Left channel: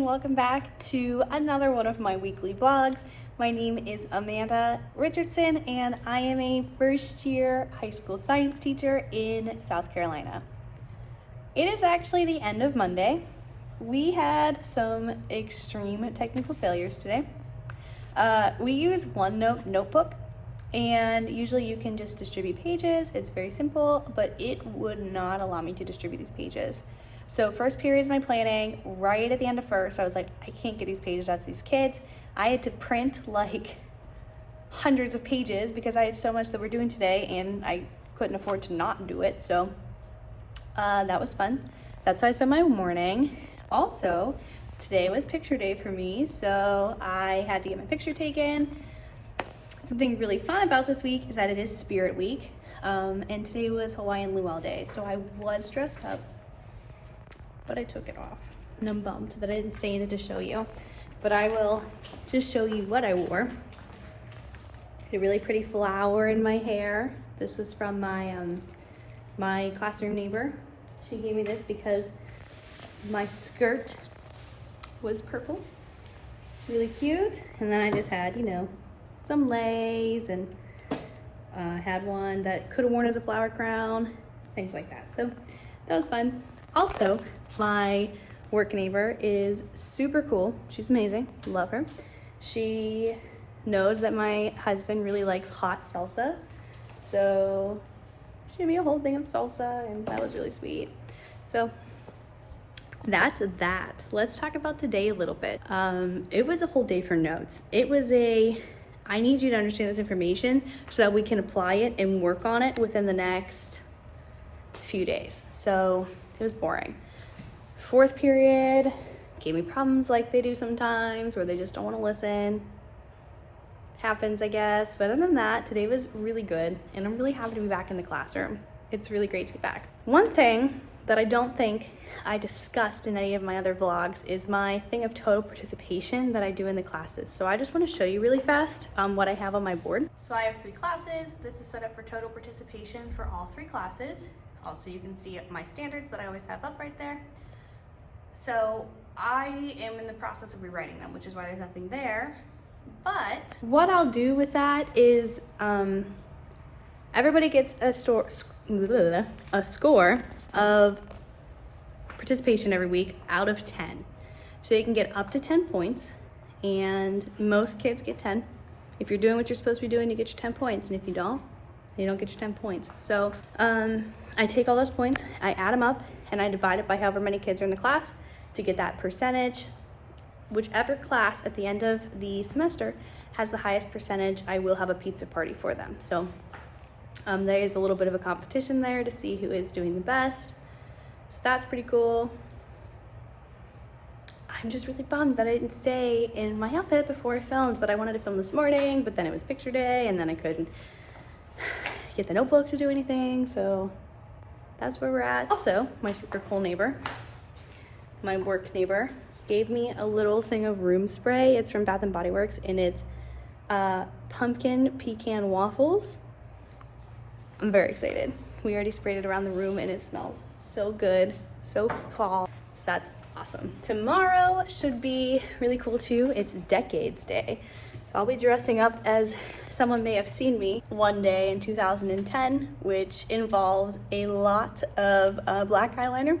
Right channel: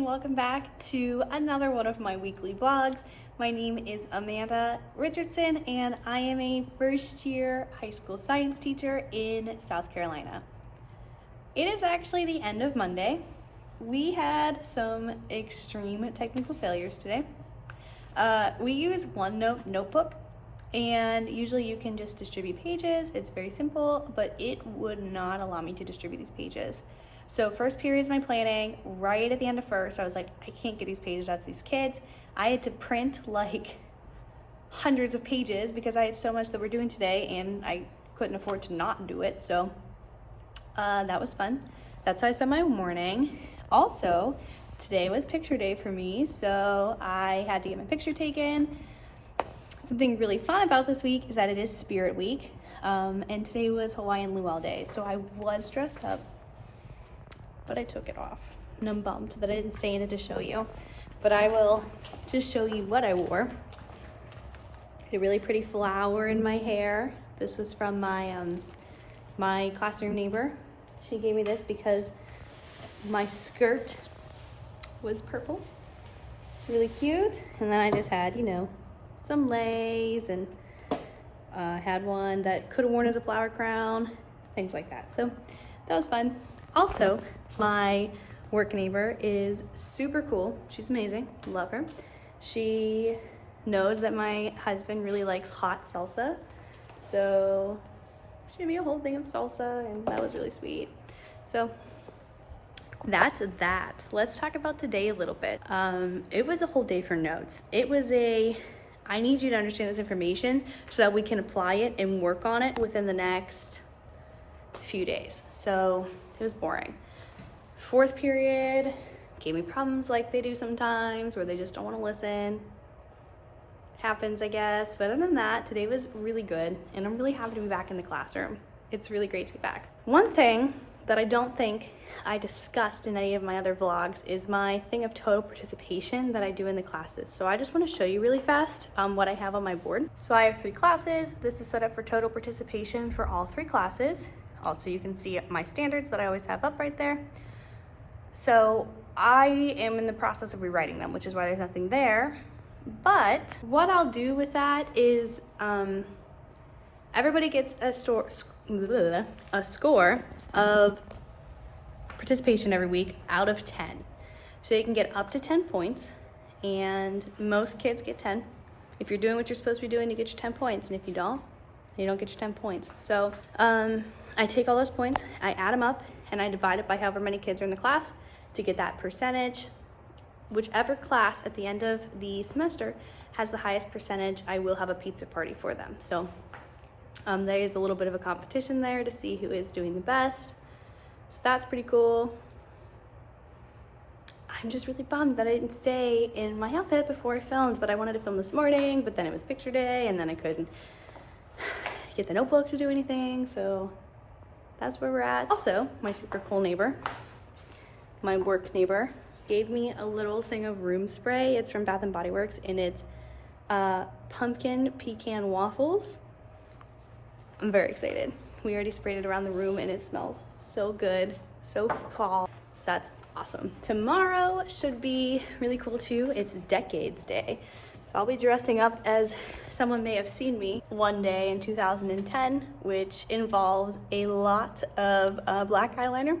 and welcome back to another one of my weekly vlogs. My name is Amanda Richardson and I am a first-year high school science teacher in South Carolina. It is actually the end of Monday. We had some extreme technical failures today. We use OneNote notebook, and usually you can just distribute pages. It's very simple, but it would not allow me to distribute these pages. So first period is my planning. Right at the end of first, I was like, I can't get these pages out to these kids. I had to print like hundreds of pages because I had so much that we're doing today and I couldn't afford to not do it. So that was fun. That's how I spent my morning. Also, today was picture day for me, so I had to get my picture taken. Something really fun about this week is that it is Spirit Week, and today was Hawaiian Luau Day, so I was dressed up, but I took it off. And I'm bummed that I didn't stay in it to show you, but I will just show you what I wore. A really pretty flower in my hair. This was from my my classroom neighbor. She gave me this because my skirt was purple. Really cute. And then I just had, you know, some lace, and had one that could have worn as a flower crown, things like that. So that was fun. Also, my work neighbor is super cool. She's amazing. Love her. She knows that my husband really likes hot salsa, so she gave me a whole thing of salsa, and that was really sweet. So that's that. Let's talk about today a little bit. It was a whole day for notes. It was I need you to understand this information so that we can apply it and work on it within the next few days. So it was boring. Fourth period gave me problems like they do sometimes, where they just don't want to listen. Happens, I guess. But other than that, today was really good, and I'm really happy to be back in the classroom. It's really great to be back. One thing that I don't think I discussed in any of my other vlogs is my thing of total participation that I do in the classes. So I just want to show you really fast what I have on my board. So I have 3 classes. This is set up for total participation for all 3 classes. Also, you can see my standards that I always have up right there. So I am in the process of rewriting them, which is why there's nothing there. But what I'll do with that is everybody gets a score of participation every week out of 10. So you can get up to 10 points, and most kids get 10. If you're doing what you're supposed to be doing, you get your 10 points, and if you don't get your 10 points. So I take all those points, I add them up, and I divide it by however many kids are in the class to get that percentage. Whichever class at the end of the semester has the highest percentage, I will have a pizza party for them. So there is a little bit of a competition there to see who is doing the best. So that's pretty cool. I'm just really bummed that I didn't stay in my outfit before I filmed, but I wanted to film this morning, but then it was picture day, and then I couldn't get the notebook to do anything, so that's where we're at. Also, my super cool neighbor, my work neighbor, gave me a little thing of room spray. It's from Bath & Body Works, and it's pumpkin pecan waffles. I'm very excited. We already sprayed it around the room, and it smells so good, so fall. So that's awesome. Tomorrow should be really cool too. It's Decades Day. So I'll be dressing up as someone may have seen me one day in 2010, which involves a lot of black eyeliner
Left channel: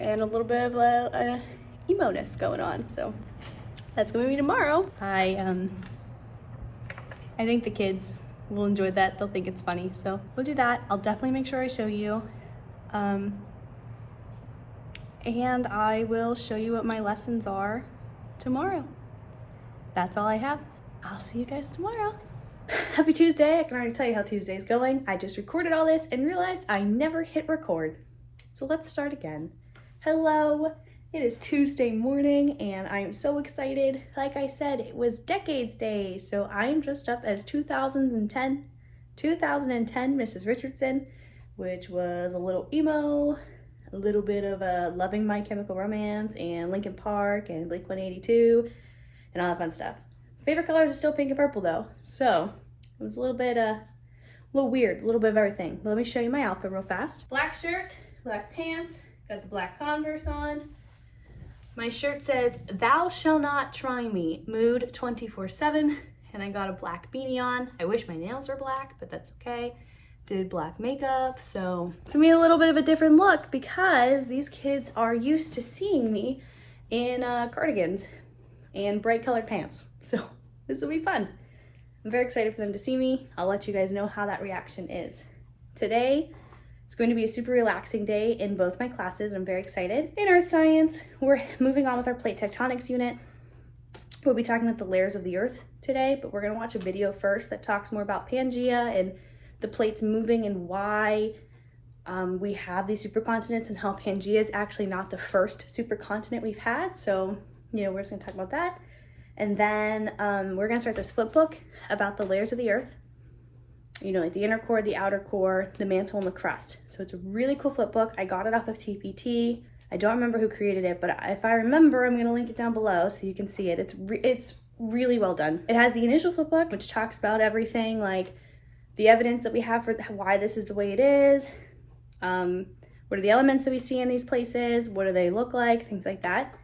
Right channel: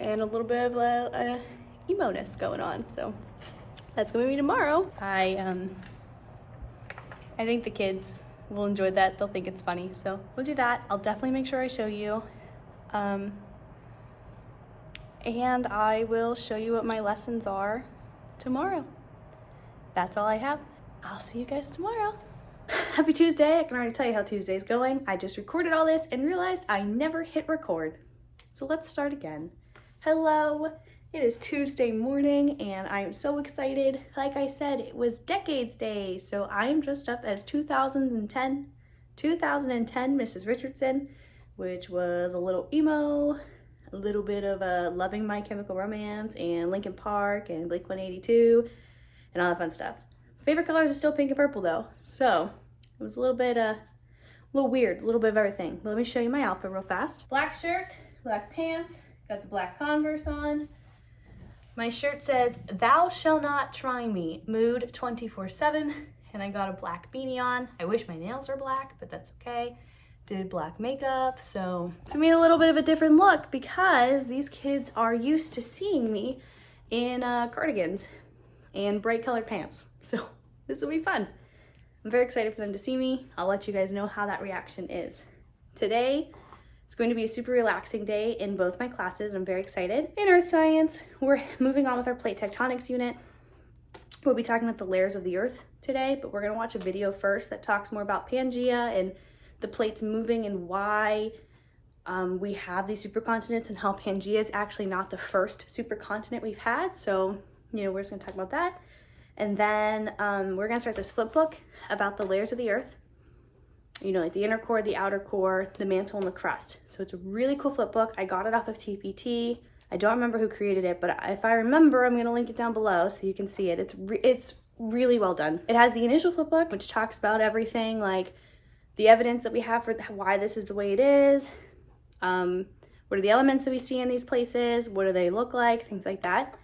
and a little bit of emo-ness going on. So that's gonna be tomorrow. I think the kids will enjoy that. They'll think it's funny, so we'll do that. I'll definitely make sure I show you, and I will show you what my lessons are tomorrow. That's all I have. I'll see you guys tomorrow. Happy Tuesday. I can already tell you how Tuesday's going. I just recorded all this and realized I never hit record, so let's start again. Hello, it is Tuesday morning and I am so excited. Like I said, it was Decades Day, so I am dressed up as 2010 Mrs. Richardson, which was a little emo, a little bit of Loving My Chemical Romance and Linkin Park and Blink-182 and all that fun stuff. Favorite colors are still pink and purple though, so it was a little bit weird, a little bit of everything. But let me show you my outfit real fast. Black shirt, black pants, got the black Converse on. My shirt says, "Thou shall not try me, mood 24/7." And I got a black beanie on. I wish my nails were black, but that's okay. Did black makeup, so to me a little bit of a different look because these kids are used to seeing me in cardigans and bright colored pants. So this will be fun. I'm very excited for them to see me. I'll let you guys know how that reaction is. Today, it's going to be a super relaxing day in both my classes. I'm very excited. In Earth Science, we're moving on with our plate tectonics unit. We'll be talking about the layers of the Earth today, but we're gonna watch a video first that talks more about Pangea and the plates moving and why we have these supercontinents and how Pangea is actually not the first supercontinent we've had. So, we're just gonna talk about that. And then we're gonna start this flip book about the layers of the Earth. Like the inner core, the outer core, the mantle, and the crust. So it's a really cool flip book. I got it off of TPT. I don't remember who created it, but if I remember, I'm gonna link it down below so you can see it. It's really well done. It has the initial flip book, which talks about everything, like the evidence that we have for why this is the way it is. What are the elements that we see in these places? What do they look like? Things like that.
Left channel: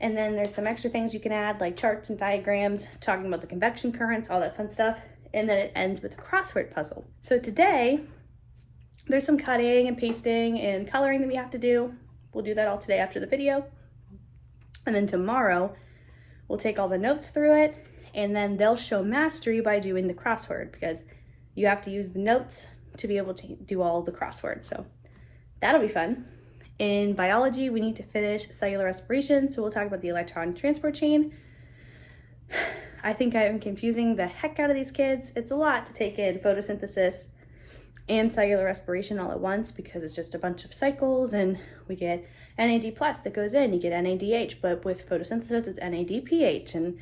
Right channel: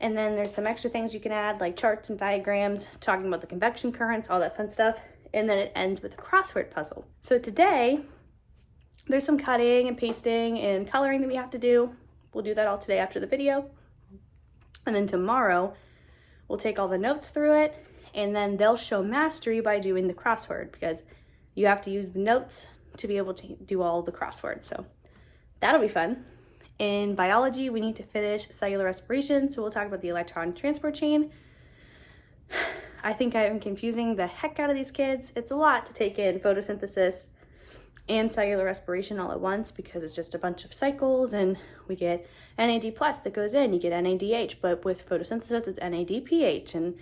And then there's some extra things you can add, like charts and diagrams, talking about the convection currents, all that fun stuff. And then it ends with a crossword puzzle. So today, there's some cutting and pasting and coloring that we have to do. We'll do that all today after the video. And then tomorrow, we'll take all the notes through it, and then they'll show mastery by doing the crossword, because you have to use the notes to be able to do all the crosswords. So that'll be fun. In biology, we need to finish cellular respiration, so we'll talk about the electron transport chain. I think I'm confusing the heck out of these kids. It's a lot to take in photosynthesis and cellular respiration all at once because it's just a bunch of cycles, and we get NAD plus that goes in, you get NADH, but with photosynthesis it's NADPH, and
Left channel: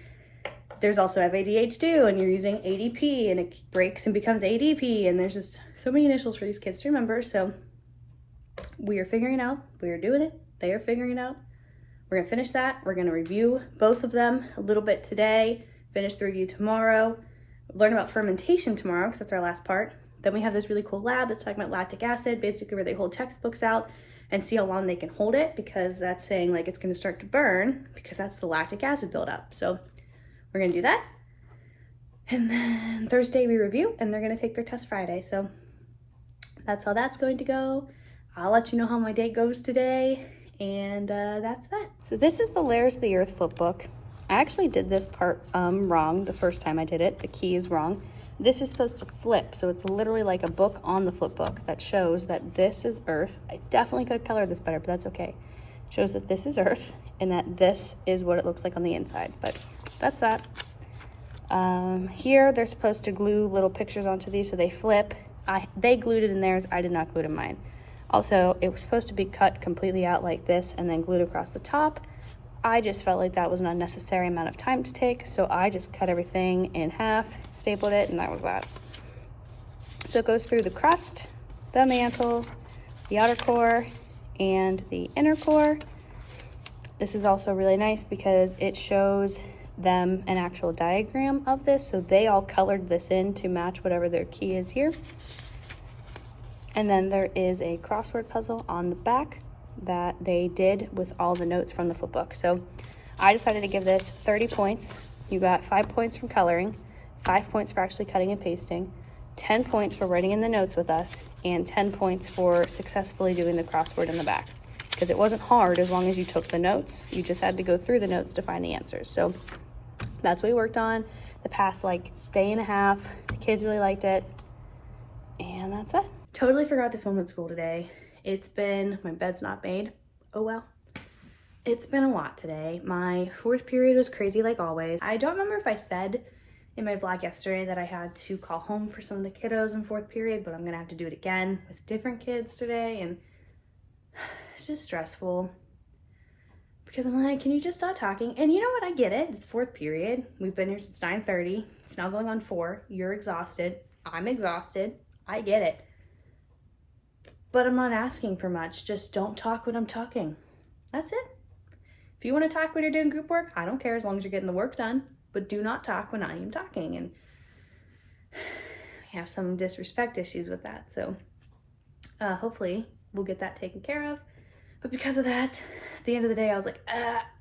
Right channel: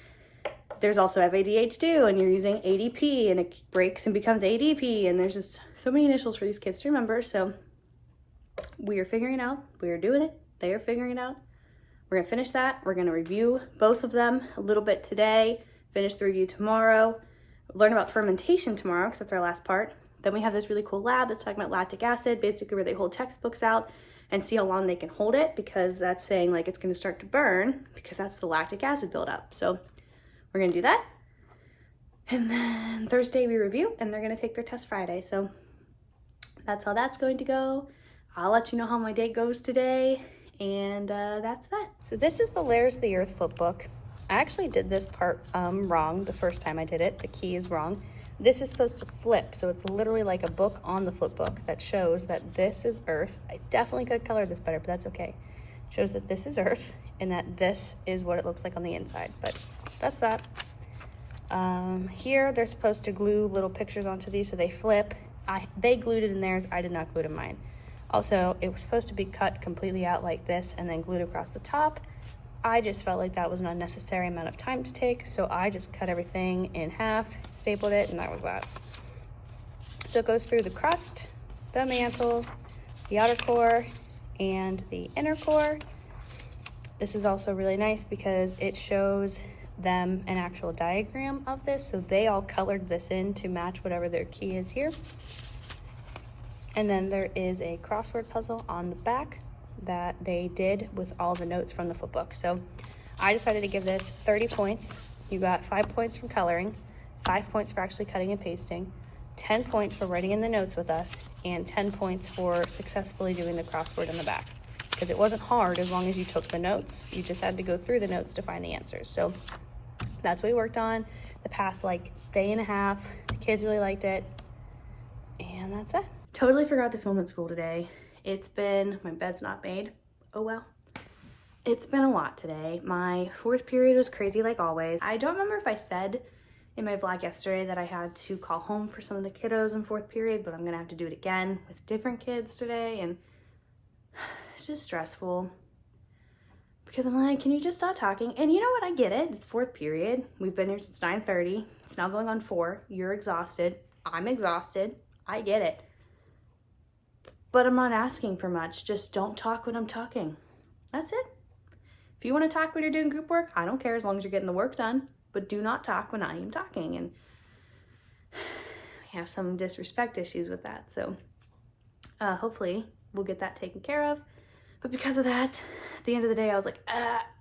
there's also FADH2, and you're using ADP, and it breaks and becomes ADP, and there's just so many initials for these kids to remember. So we are figuring it out, we are doing it, they are figuring it out. We're gonna finish that, we're gonna review both of them a little bit today, finish the review tomorrow, learn about fermentation tomorrow, because that's our last part. Then we have this really cool lab that's talking about lactic acid, basically where they hold textbooks out and see how long they can hold it, because that's saying like it's gonna start to burn, because that's the lactic acid buildup. So we're gonna do that. And then Thursday we review, and they're gonna take their test Friday. So that's how that's going to go. I'll let you know how my day goes today, and that's that. So this is the Layers of the Earth flip book. I actually did this part wrong the first time I did it. The key is wrong. This is supposed to flip, so it's literally like a book on the flip book that shows that this is Earth. I definitely could have colored this better, but that's okay. It shows that this is Earth and that this is what it looks like on the inside, but that's that. Here they're supposed to glue little pictures onto these so they flip. They glued it in theirs, I did not glue it in mine. Also, it was supposed to be cut completely out like this and then glued across the top. I just felt like that was an unnecessary amount of time to take, so I just cut everything in half, stapled it, and that was that. So it goes through the crust, the mantle, the outer core, and the inner core. This is also really nice because it shows them an actual diagram of this, so they all colored this in to match whatever their key is here. And then there is a crossword puzzle on the back that they did with all the notes from the flip book. So I decided to give this 30 points. You got 5 points from coloring, 5 points for actually cutting and pasting, 10 points for writing in the notes with us, and 10 points for successfully doing the crossword in the back. Because it wasn't hard as long as you took the notes. You just had to go through the notes to find the answers. So that's what we worked on the past day and a half. The kids really liked it, and that's it. Totally forgot to film at school today. My bed's not made. Oh well. It's been a lot today. My fourth period was crazy like always. I don't remember if I said in my vlog yesterday that I had to call home for some of the kiddos in fourth period, but I'm gonna have to do it again with different kids today, and it's just stressful because I'm like, can you just stop talking? And you know what, I get it. It's fourth period. We've been here since 9:30. It's now going on 4. You're exhausted. I'm exhausted. I get it. But I'm not asking for much. Just don't talk when I'm talking. That's it. If you want to talk when you're doing group work, I don't care as long as you're getting the work done. But do not talk when I am talking. And we have some disrespect issues with that. So hopefully we'll get that taken care of. But because of that, at the end of the day, I was like,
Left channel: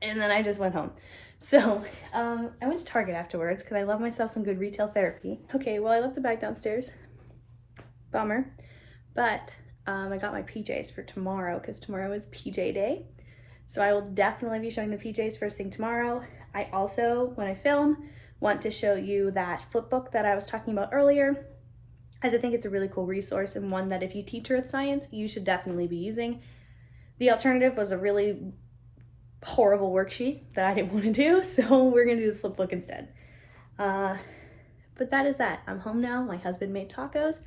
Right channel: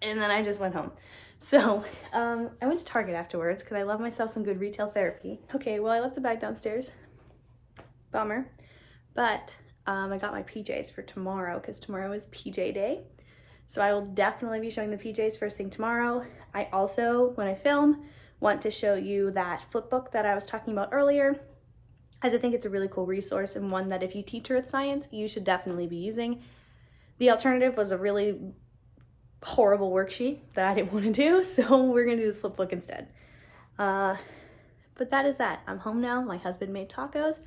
and then I just went home. So I went to Target afterwards because I love myself some good retail therapy. Okay, well, I left the bag downstairs. Bummer. But I got my PJs for tomorrow because tomorrow is PJ day. So I will definitely be showing the PJs first thing tomorrow. I also, when I film, want to show you that flip book that I was talking about earlier, as I think it's a really cool resource and one that if you teach earth science, you should definitely be using. The alternative was a really horrible worksheet that I didn't want to do, so we're gonna do this flip book instead. But that is that. I'm home now. My husband made tacos.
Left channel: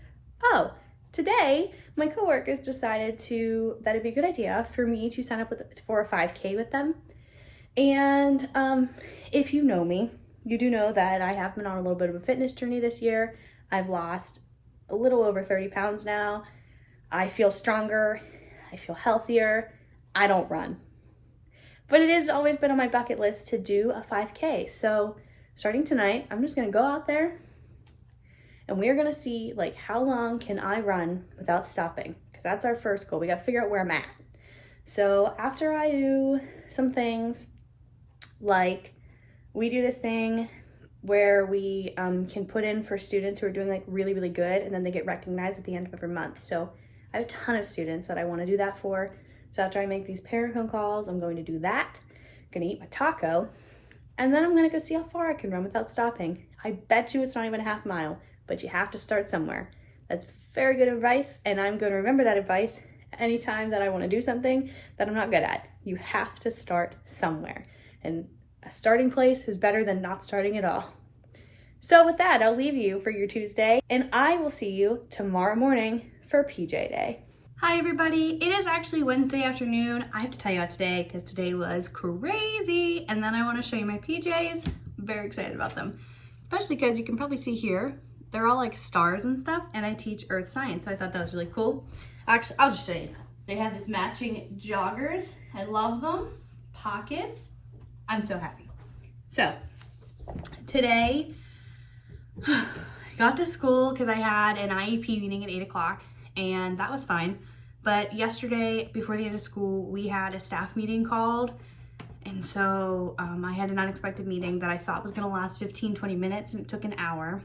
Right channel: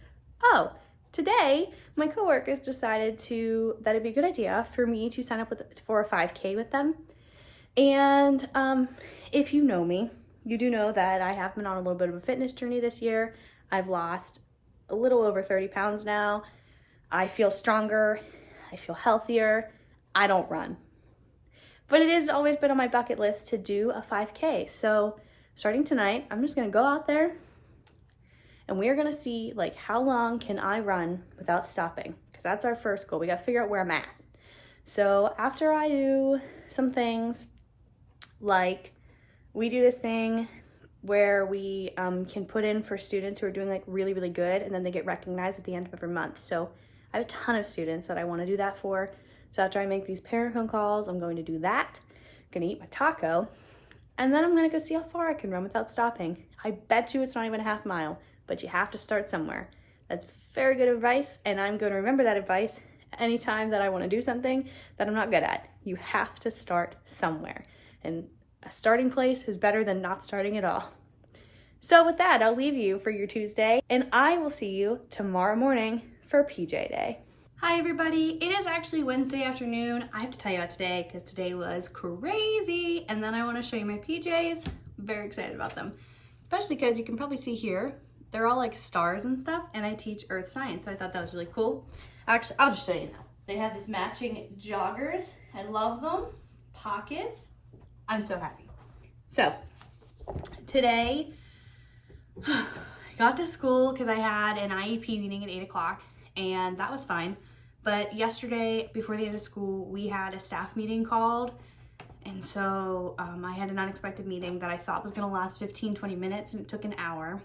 Oh, today my coworkers decided that it'd be a good idea for me to sign up for a 5K with them. And if you know me, you do know that I have been on a little bit of a fitness journey this year. I've lost a little over 30 pounds now. I feel stronger. I feel healthier. I don't run. But it has always been on my bucket list to do a 5K. So starting tonight, I'm just gonna go out there and we're gonna see like how long can I run without stopping? Because that's our first goal. We gotta figure out where I'm at. So after I do some things, like we do this thing where we can put in for students who are doing like really, really good, and then they get recognized at the end of every month. So I have a ton of students that I wanna do that for. So after I make these parent phone calls, I'm going to do that. I'm gonna eat my taco, and then I'm gonna go see how far I can run without stopping. I bet you it's not even a half mile, but you have to start somewhere. That's very good advice, and I'm gonna remember that advice anytime that I wanna do something that I'm not good at. You have to start somewhere, and a starting place is better than not starting at all. So with that, I'll leave you for your Tuesday, and I will see you tomorrow morning for PJ Day. Hi everybody, it is actually Wednesday afternoon. I have to tell you about today because today was crazy, and then I want to show you my PJs. I'm very excited about them, especially because you can probably see here, they're all like stars and stuff, and I teach earth science, so I thought that was really cool. Actually, I'll just show you. They have this matching joggers. I love them. Pockets. I'm so happy. So today, I got to school because I had an IEP meeting at 8 o'clock, and that was fine. But yesterday, before the end of school, we had a staff meeting called. And so I had an unexpected meeting that I thought was gonna last 15-20 minutes, and it took an hour.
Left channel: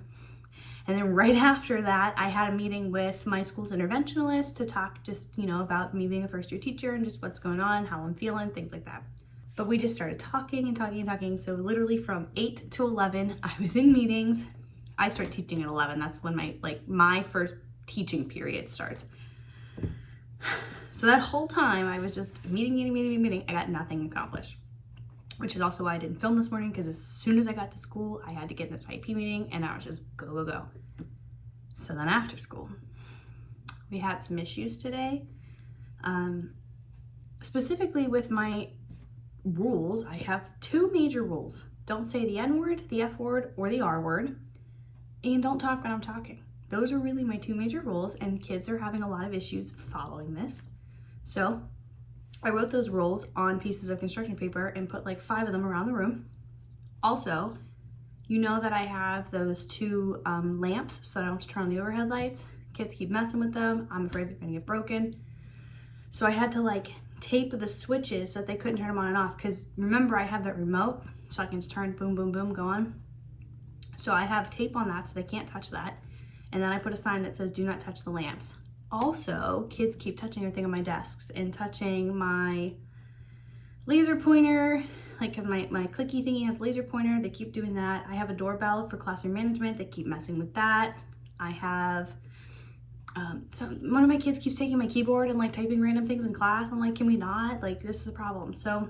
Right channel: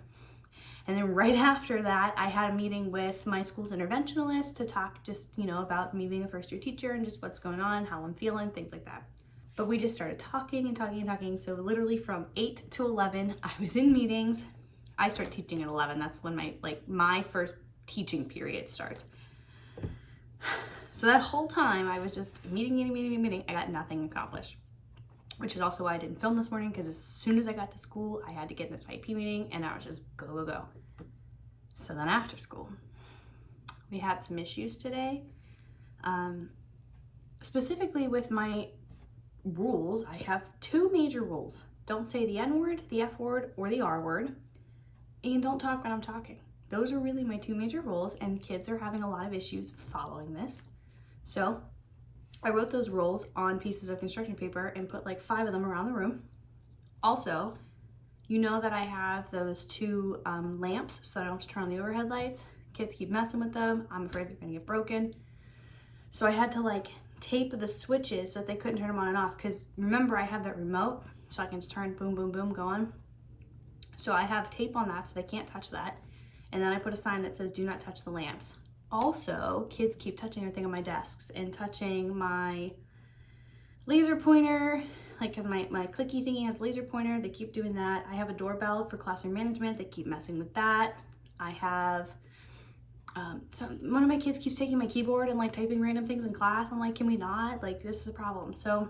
And then right after that, I had a meeting with my school's interventionalist to talk just, about me being a first year teacher and just what's going on, how I'm feeling, things like that. But we just started talking and talking and talking. So literally from 8 to 11, I was in meetings. I started teaching at 11. That's when my first teaching period starts. So that whole time I was just meeting. I got nothing accomplished, which is also why I didn't film this morning, because as soon as I got to school, I had to get in this IP meeting, and I was just go. So then after school, we had some issues today. Specifically with my rules, I have two major rules. Don't say the N word, the F word, or the R word, and don't talk when I'm talking. Those are really my two major rules, and kids are having a lot of issues following this. So I wrote those rules on pieces of construction paper and put like 5 of them around the room. Also, you know that I have those 2 lamps, so I don't have to turn on the overhead lights. Kids keep messing with them. I'm afraid they're gonna get broken. So I had to tape the switches so that they couldn't turn them on and off, because remember I have that remote, so I can just turn boom, boom, boom, go on. So I have tape on that so they can't touch that. And then I put a sign that says, do not touch the lamps. Also, kids keep touching everything on my desks and touching my laser pointer, because my clicky thingy has laser pointer. They keep doing that. I have a doorbell for classroom management. They keep messing with that. I have, one of my kids keeps taking my keyboard and typing random things in class. I'm like, can we not? This is a problem. So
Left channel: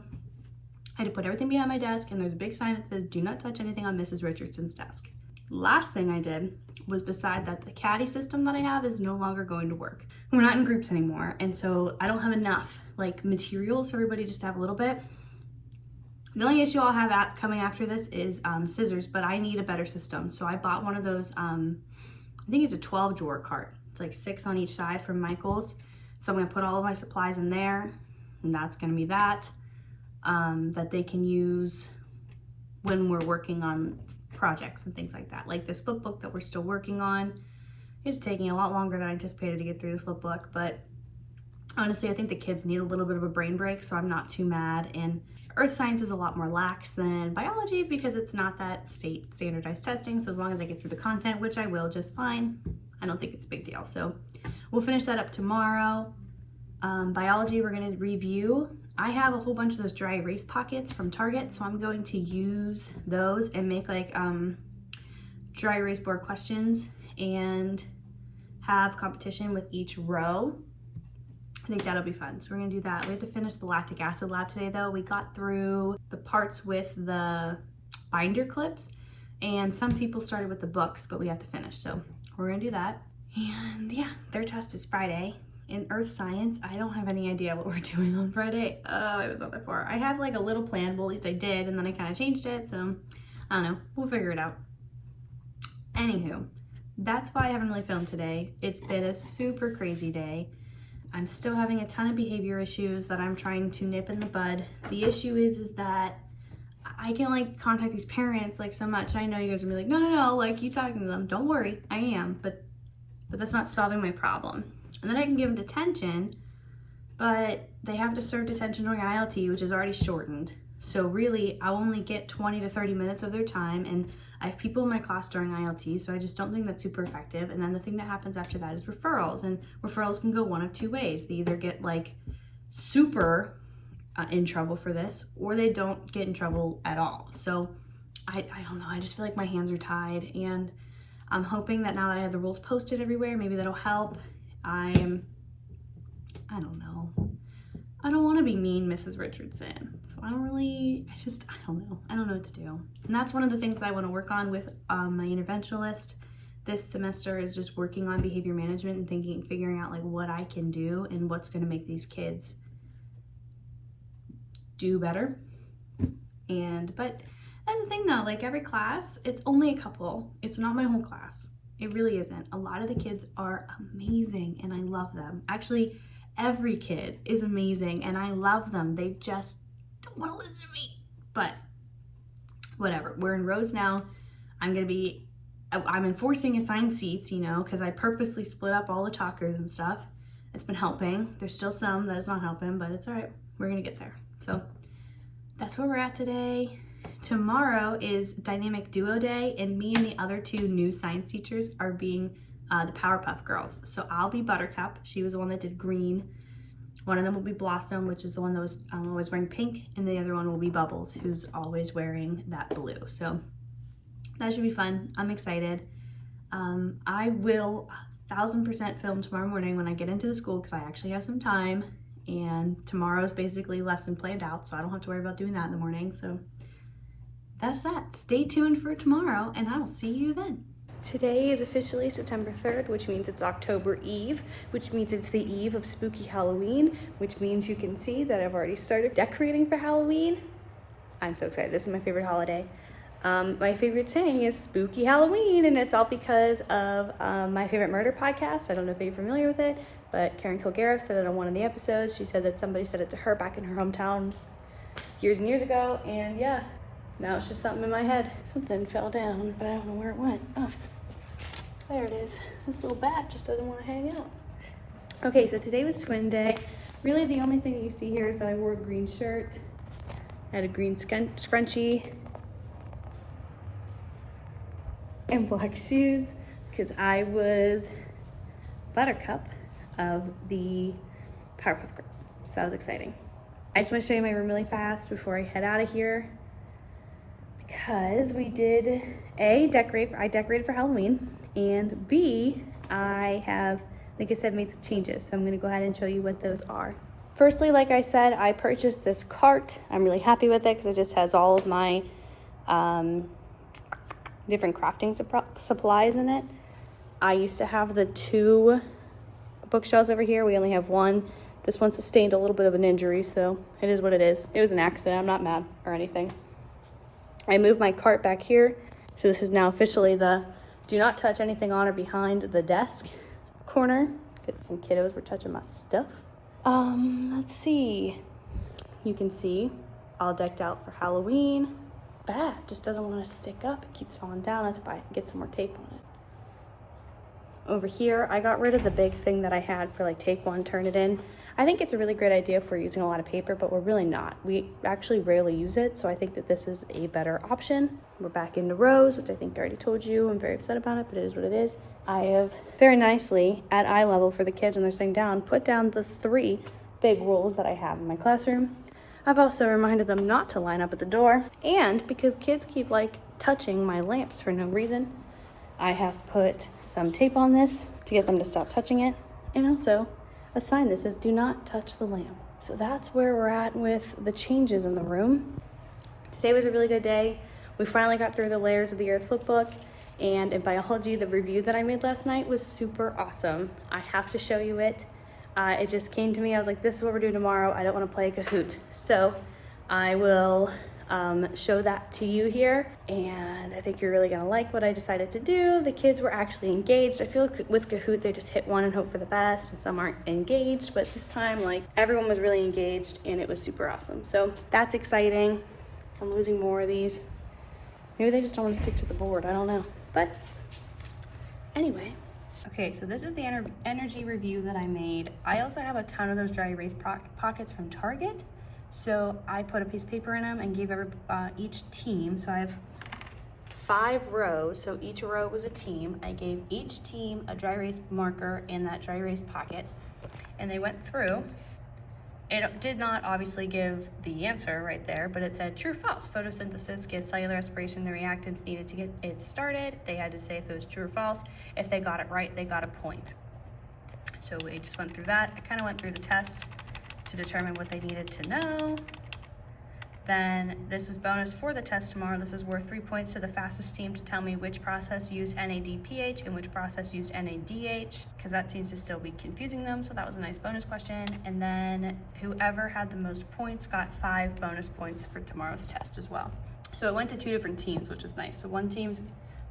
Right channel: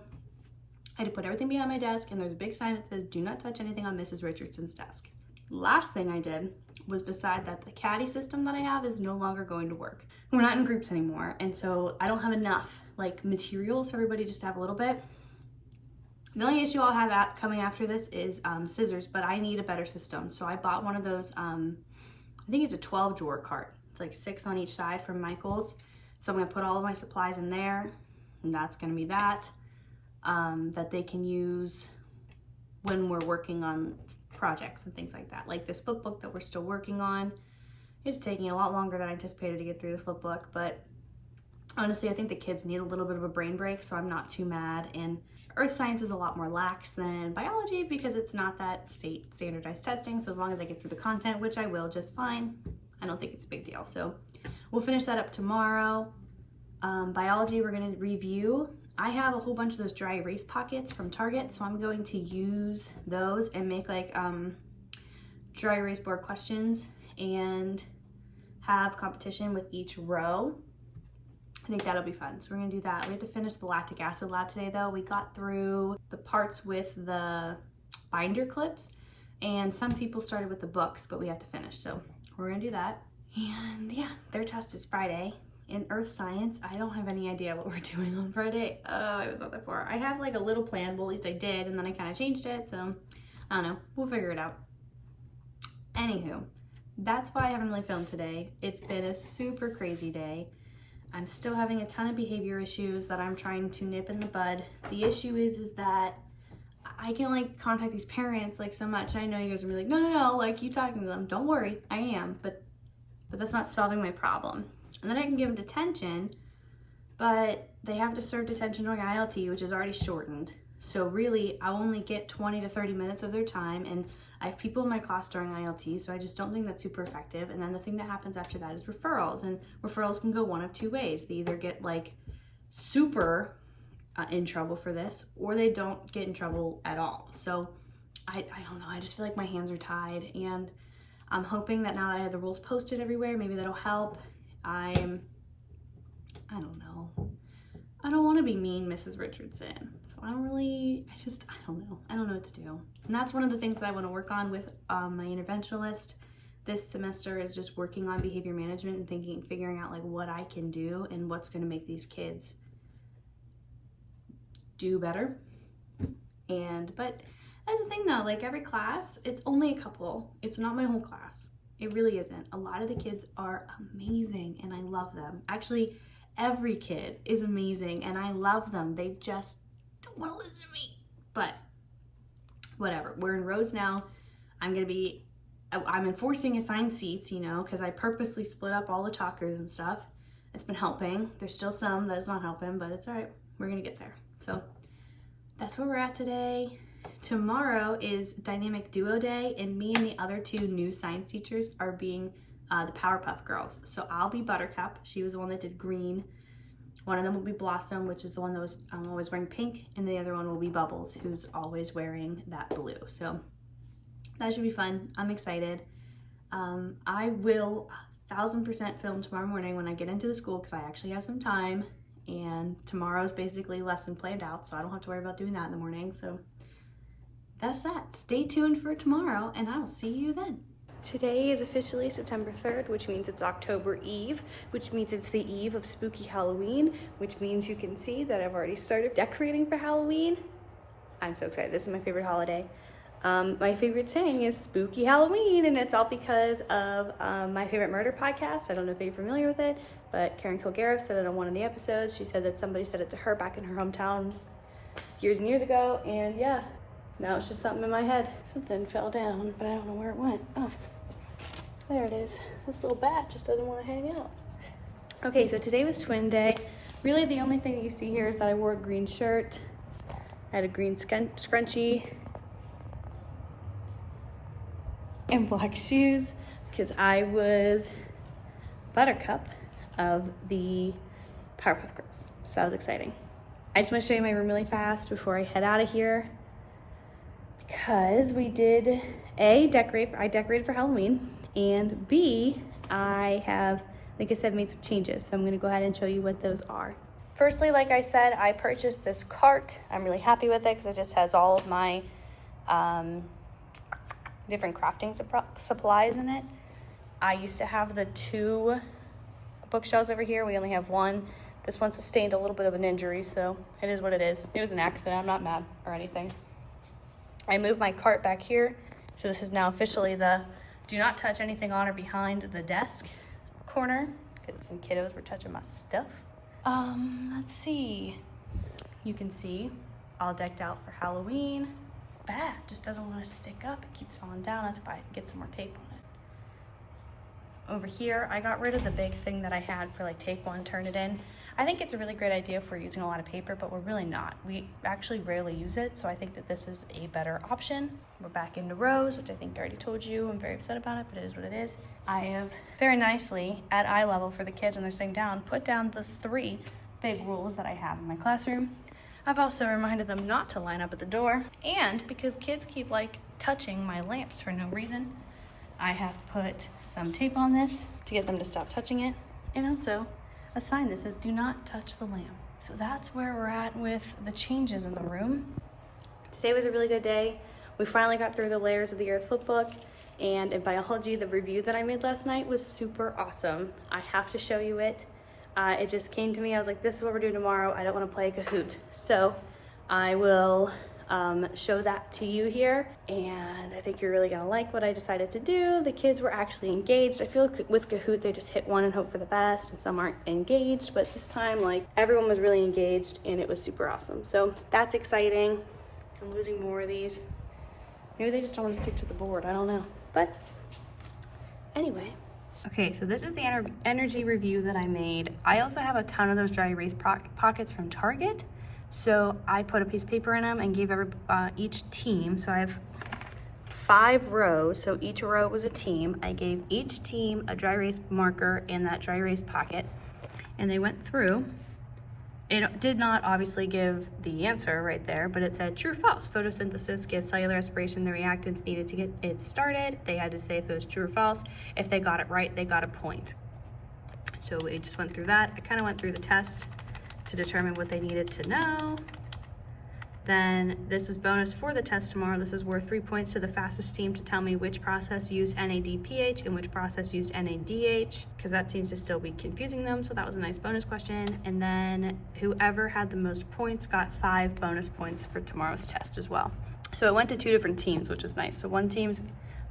I had to put everything behind my desk, and there's a big sign that says, do not touch anything on Mrs. Richardson's desk. Last thing I did was decide that the caddy system that I have is no longer going to work. We're not in groups anymore, and so I don't have enough materials for everybody just to have a little bit. The only issue I'll have coming after this is scissors, but I need a better system. So I bought one of those, I think it's a 12 drawer cart. It's 6 on each side from Michael's. So I'm gonna put all of my supplies in there, and that's gonna be that they can use when we're working on projects and things like that. Like this flip book that we're still working on. It's taking a lot longer than I anticipated to get through this flip book, but Honestly, I think the kids need a little bit of a brain break, so I'm not too mad. And earth science is a lot more lax than biology because it's not that state standardized testing. So as long as I get through the content, which I will just fine, I don't think it's a big deal. So we'll finish that up tomorrow. Biology, we're gonna review. I have a whole bunch of those dry erase pockets from Target, so I'm going to use those and make like dry erase board questions and have competition with each row. I think that'll be fun. So we're gonna do that. We have to finish the lactic acid lab today though. We got through the parts with the binder clips and some people started with the books, but we have to finish. So we're gonna do that. And yeah, their test is Friday. In earth science, I don't have any idea what we're doing on Friday. Oh, I was not that far. I have like a little plan, well at least I did, and then I kind of changed it. So I don't know, we'll figure it out. Anywho, that's why I haven't really filmed today. It's been a super crazy day. I'm still having a ton of behavior issues that I'm trying to nip in the bud. The issue is that I can like contact these parents like so much. I know you guys are gonna be like, no, like you talking to them. Don't worry, I am, but that's not solving my problem. And then I can give them detention, but they have to serve detention during ILT, which is already shortened. So really, I'll only get 20 to 30 minutes of their time, and I have people in my class during ILT, so I just don't think that's super effective. And then the thing that happens after that is referrals, and referrals can go one of two ways. They either get like super in trouble for this, or they don't get in trouble at all. So I don't know, I just feel like my hands are tied, and I'm hoping that now that I have the rules posted everywhere, maybe that'll help. I don't know. I don't want to be mean, Mrs. Richardson. So I don't know. I don't know what to do. And that's one of the things that I want to work on with my interventionalist this semester is just working on behavior management and figuring out like what I can do and what's going to make these kids do better. But that's the thing though, like every class, it's only a couple. It's not my whole class. It really isn't. A lot of the kids are amazing and I love them. Actually, every kid is amazing and I love them. They just don't want to listen to me. But whatever, we're in rows now. I'm enforcing assigned seats, you know, because I purposely split up all the talkers and stuff. It's been helping. There's still some that is not helping, but it's all right. We're gonna get there. So that's where we're at today. Tomorrow is Dynamic Duo Day, and me and the other two new science teachers are being the Powerpuff Girls. So I'll be Buttercup. She was the one that did green. One of them will be Blossom, which is the one that was always wearing pink, and the other one will be Bubbles, who's always wearing that blue. So that should be fun. I'm excited. I will 1000% film tomorrow morning when I get into the school because I actually have some time, and tomorrow's basically lesson planned out, so I don't have to worry about doing that in the morning. So that's that. Stay tuned for tomorrow, and I will see you then. Today is officially September 3rd, which means it's October Eve, which means it's the eve of spooky Halloween, which means you can see that I've already started decorating for Halloween. I'm so excited. This is my favorite holiday. My favorite saying is spooky Halloween, and it's all because of my favorite murder podcast. I don't know if you're familiar with it, but Karen Kilgariff said it on one of the episodes. She said that somebody said it to her back in her hometown years and years ago, and yeah. Now it's just something in my head. Something fell down, but I don't know where it went. Oh, there it is. This little bat just doesn't want to hang out. Okay, so today was twin day. Really the only thing that you see here is that I wore a green shirt. I had a green scrunchie and black shoes because I was Buttercup of the Powerpuff Girls. So that was exciting. I just want to show you my room really fast before I head out of here. Because we did I decorated for Halloween, and B, I have, like I said, made some changes. So I'm gonna go ahead and show you what those are. Firstly, like I said, I purchased this cart. I'm really happy with it because it just has all of my different crafting supplies in it. I used to have the 2 bookshelves over here. We only have 1. This one sustained a little bit of an injury, so it is what it is. It was an accident, I'm not mad or anything. I moved my cart back here, so this is now officially the do not touch anything on or behind the desk corner, because some kiddos were touching my stuff. Let's see. You can see all decked out for Halloween. Bat just doesn't want to stick up. It keeps falling down. Let's get some more tape on it. Over here, I got rid of the big thing that I had for like take one, turn it in. I think it's a really great idea if we're using a lot of paper, but we're really not. We actually rarely use it, so I think that this is a better option. We're back into rows, which I think I already told you. I'm very upset about it, but it is what it is. I have very nicely, at eye level for the kids when they're sitting down, put down the 3 big rules that I have in my classroom. I've also reminded them not to line up at the door, and because kids keep like touching my lamps for no reason, I have put some tape on this to get them to stop touching it, and also a sign that says do not touch the lamp. So that's where we're at with the changes in the room. Today was a really good day. We finally got through the layers of the Earth flipbook, and in biology, the review that I made last night was super awesome. I have to show you it. It just came to me, I was like, this is what we're doing tomorrow. I don't want to play Kahoot. So I will show that to you here, and I think you're really gonna like what I decided to do. The kids were actually engaged. I feel like with Kahoot they just hit one and hope for the best, and some aren't engaged, but this time like everyone was really engaged and it was super awesome. So that's exciting. I'm losing more of these. Maybe they just don't want to stick to the board, I don't know. But anyway. Okay, so this is the energy review that I made. I also have a ton of those dry erase pockets from Target. So I put a piece of paper in them and gave each team, so I have 5 rows, so each row was a team. I gave each team a dry erase marker in that dry erase pocket, and they went through. It did not obviously give the answer right there, but it said true or false. Photosynthesis gives cellular respiration the reactants needed to get it started. They had to say if it was true or false. If they got it right, they got a point. So we just went through that. I kind of went through the test to determine what they needed to know. Then this is bonus for the test tomorrow. This is worth 3 points to the fastest team to tell me which process used NADPH and which process used NADH, because that seems to still be confusing them. So that was a nice bonus question. And then whoever had the most points got 5 bonus points for tomorrow's test as well. So it went to 2 different teams, which was nice. So one team's,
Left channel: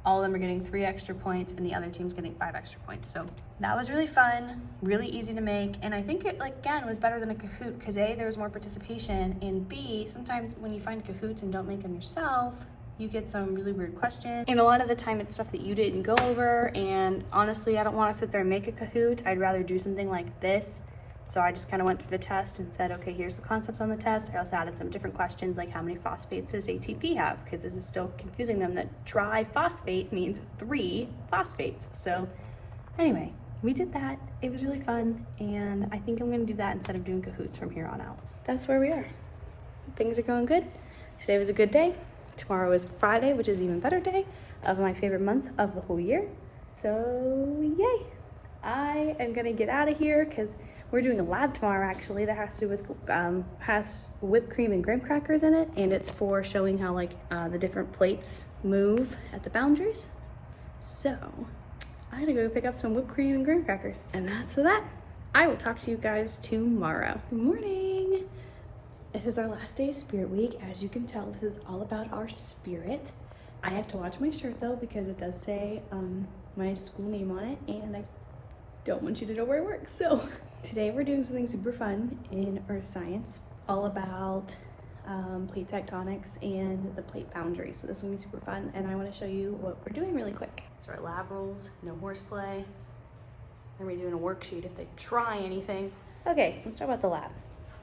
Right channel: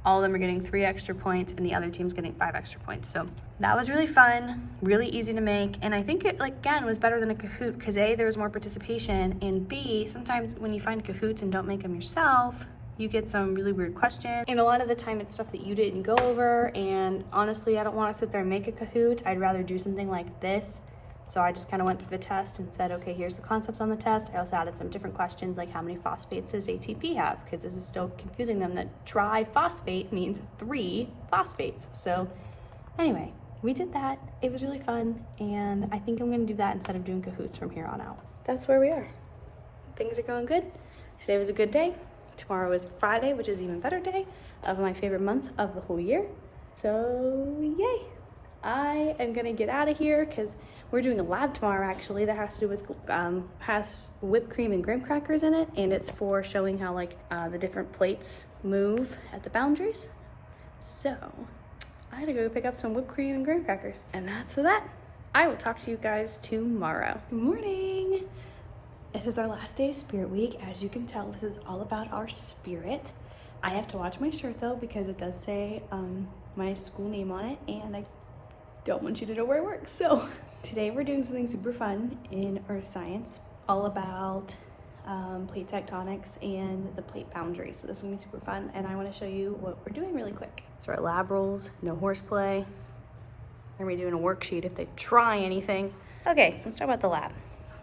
all of them are getting 3 extra points, and the other team's getting 5 extra points. So that was really fun, really easy to make. And I think it, like, again, was better than a Kahoot because A, there was more participation, and B, sometimes when you find Kahoots and don't make them yourself, you get some really weird questions. And a lot of the time it's stuff that you didn't go over. And honestly, I don't want to sit there and make a Kahoot. I'd rather do something like this. So I just kind of went through the test and said, okay, here's the concepts on the test. I also added some different questions like how many phosphates does ATP have? Because this is still confusing them that triphosphate means 3 phosphates. So anyway, we did that. It was really fun. And I think I'm gonna do that instead of doing Kahoots from here on out. That's where we are. Things are going good. Today was a good day. Tomorrow is Friday, which is an even better day of my favorite month of the whole year. So yay. I am gonna get out of here because we're doing a lab tomorrow actually that has to do with, has whipped cream and graham crackers in it, and it's for showing how like the different plates move at the boundaries. So I gotta go pick up some whipped cream and graham crackers, and that's that. I will talk to you guys tomorrow. Good morning. This is our last day of Spirit Week. As you can tell, this is all about our spirit. I have to watch my shirt though because it does say my school name on it, and I don't want you to know where I work. So today we're doing something super fun in earth science, all about plate tectonics and the plate boundary. So this is gonna be super fun, and I wanna show you what we're doing really quick. So our lab rules, no horseplay. Then we're doing a worksheet if they try anything. Okay, let's talk about the lab.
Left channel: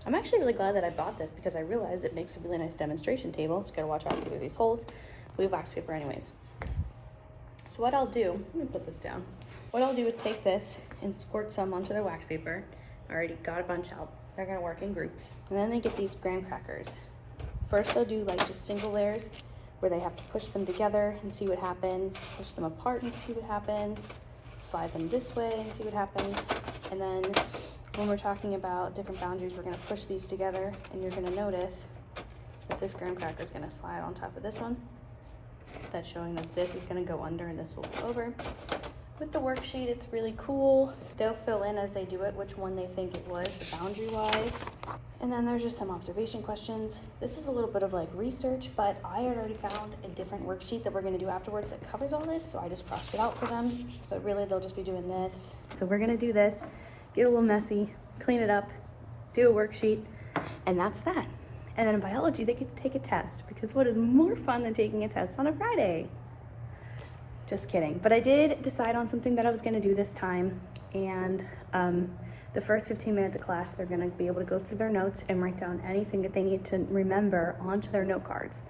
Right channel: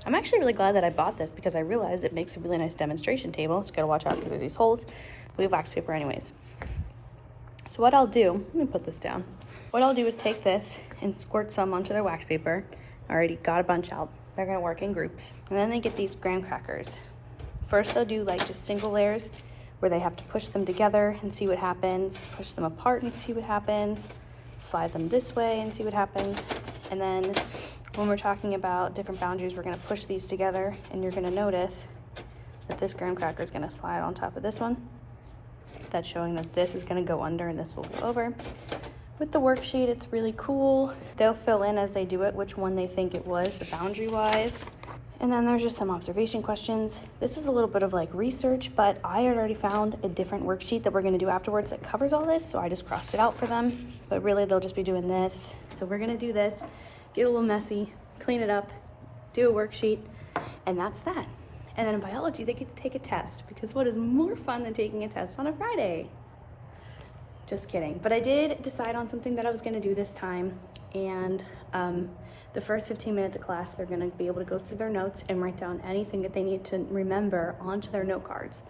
I'm actually really glad that I bought this because I realized it makes a really nice demonstration table. Just gotta watch out because there's these holes. We have wax paper anyways. So what I'll do, let me put this down. What I'll do is take this and squirt some onto their wax paper. I already got a bunch out. They're gonna work in groups. And then they get these graham crackers. First they'll do like just single layers where they have to push them together and see what happens, push them apart and see what happens, slide them this way and see what happens. And then when we're talking about different boundaries, we're gonna push these together, and you're gonna notice that this graham cracker is gonna slide on top of this one. That's showing that this is gonna go under and this will go over. With the worksheet, it's really cool. They'll fill in as they do it which one they think it was, the boundary wise. And then there's just some observation questions. This is a little bit of like research, but I had already found a different worksheet that we're gonna do afterwards that covers all this, so I just crossed it out for them. But really, they'll just be doing this. So we're gonna do this, get a little messy, clean it up, do a worksheet, and that's that. And then in biology, they get to take a test, because what is more fun than taking a test on a Friday? Just kidding. But I did decide on something that I was gonna do this time, and the first 15 minutes of class, they're gonna be able to go through their notes and write down anything that they need to remember onto their note cards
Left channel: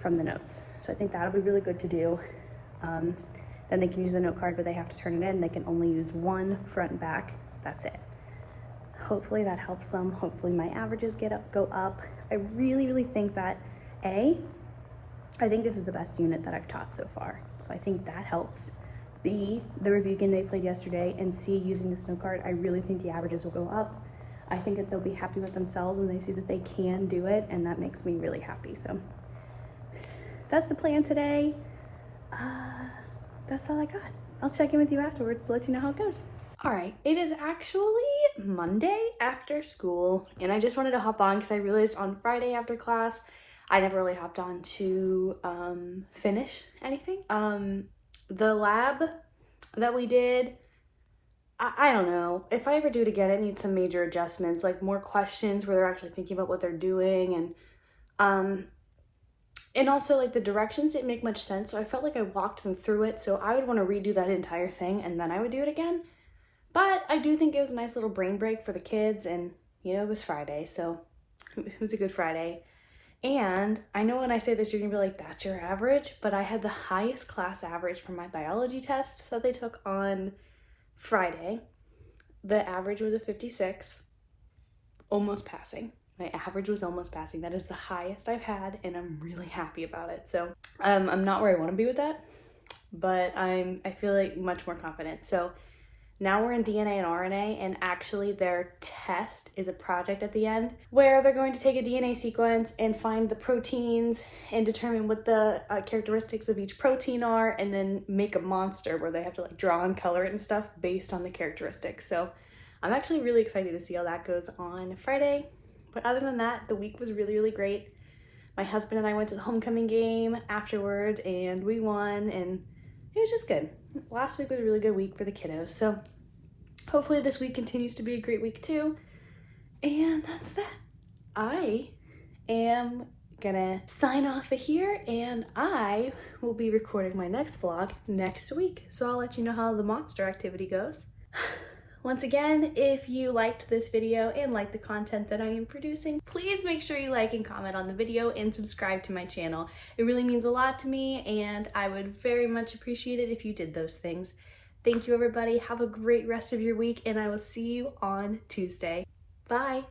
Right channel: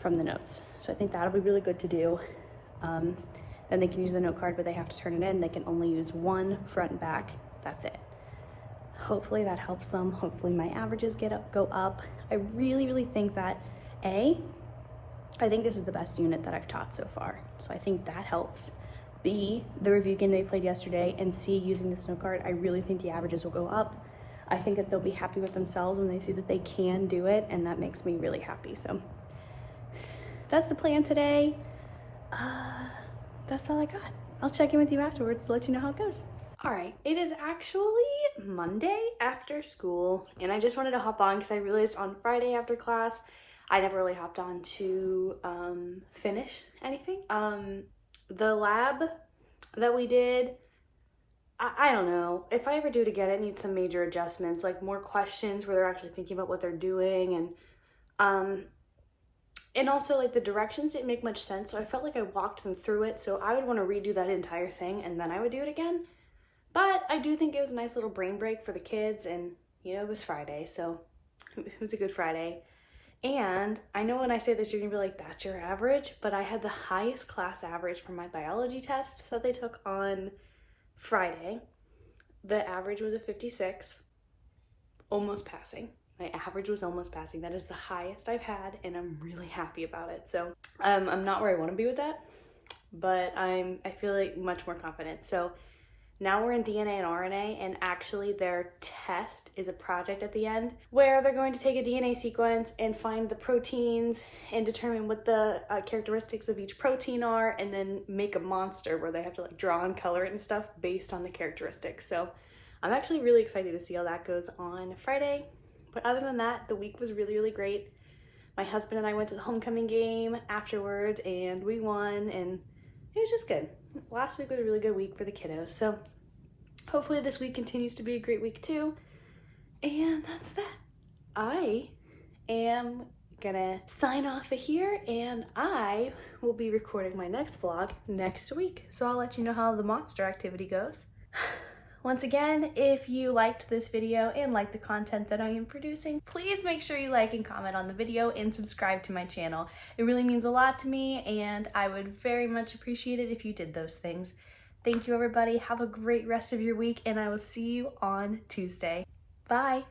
from the notes. So I think that'll be really good to do. Then they can use the note card, but they have to turn it in. They can only use one front and back. That's it. Hopefully that helps them. Hopefully my averages go up. I really think that I think this is the best unit that I've taught so far. So I think that helps. B, the review game they played yesterday, and C, using this note card, I really think the averages will go up. I think that they'll be happy with themselves when they see that they can do it, and that makes me really happy. So that's the plan today. That's all I got. I'll check in with you afterwards to let you know how it goes. All right, it is actually Monday after school, and I just wanted to hop on because I realized on Friday after class, I never really hopped on to finish anything. The lab that we did, I don't know. If I ever do it again, it needs some major adjustments, like more questions where they're actually thinking about what they're doing, and also like the directions didn't make much sense. So I felt like I walked them through it. So I would want to redo that entire thing and then I would do it again. But I do think it was a nice little brain break for the kids, and you know, it was Friday, so it was a good Friday. And I know when I say this, you're gonna be like, that's your average, but I had the highest class average for my biology tests that they took on Friday. The average was a 56, almost passing. My average was almost passing. That is the highest I've had, and I'm really happy about it. So I'm not where I want to be with that, but I feel like much more confident. So now we're in DNA and RNA, and actually their test is a project at the end where they're going to take a DNA sequence and find the proteins and determine what the characteristics of each protein are, and then make a monster where they have to like draw and color it and stuff based on the characteristics. So I'm actually really excited to see how that goes on Friday. But other than that, the week was really great. My husband and I went to the homecoming game afterwards and we won, and it was just good. Last week was a really good week for the kiddos. So hopefully this week continues to be a great week too. And that's that. I am gonna sign off of here, and I will be recording my next vlog next week. So I'll let you know how the monster activity goes. Once again, if you liked this video and like the content that I am producing, please make sure you like and comment on the video and subscribe to my channel. It really means a lot to me, and I would very much appreciate it if you did those things. Thank you, everybody. Have a great rest of your week, and I will see you on Tuesday. Bye.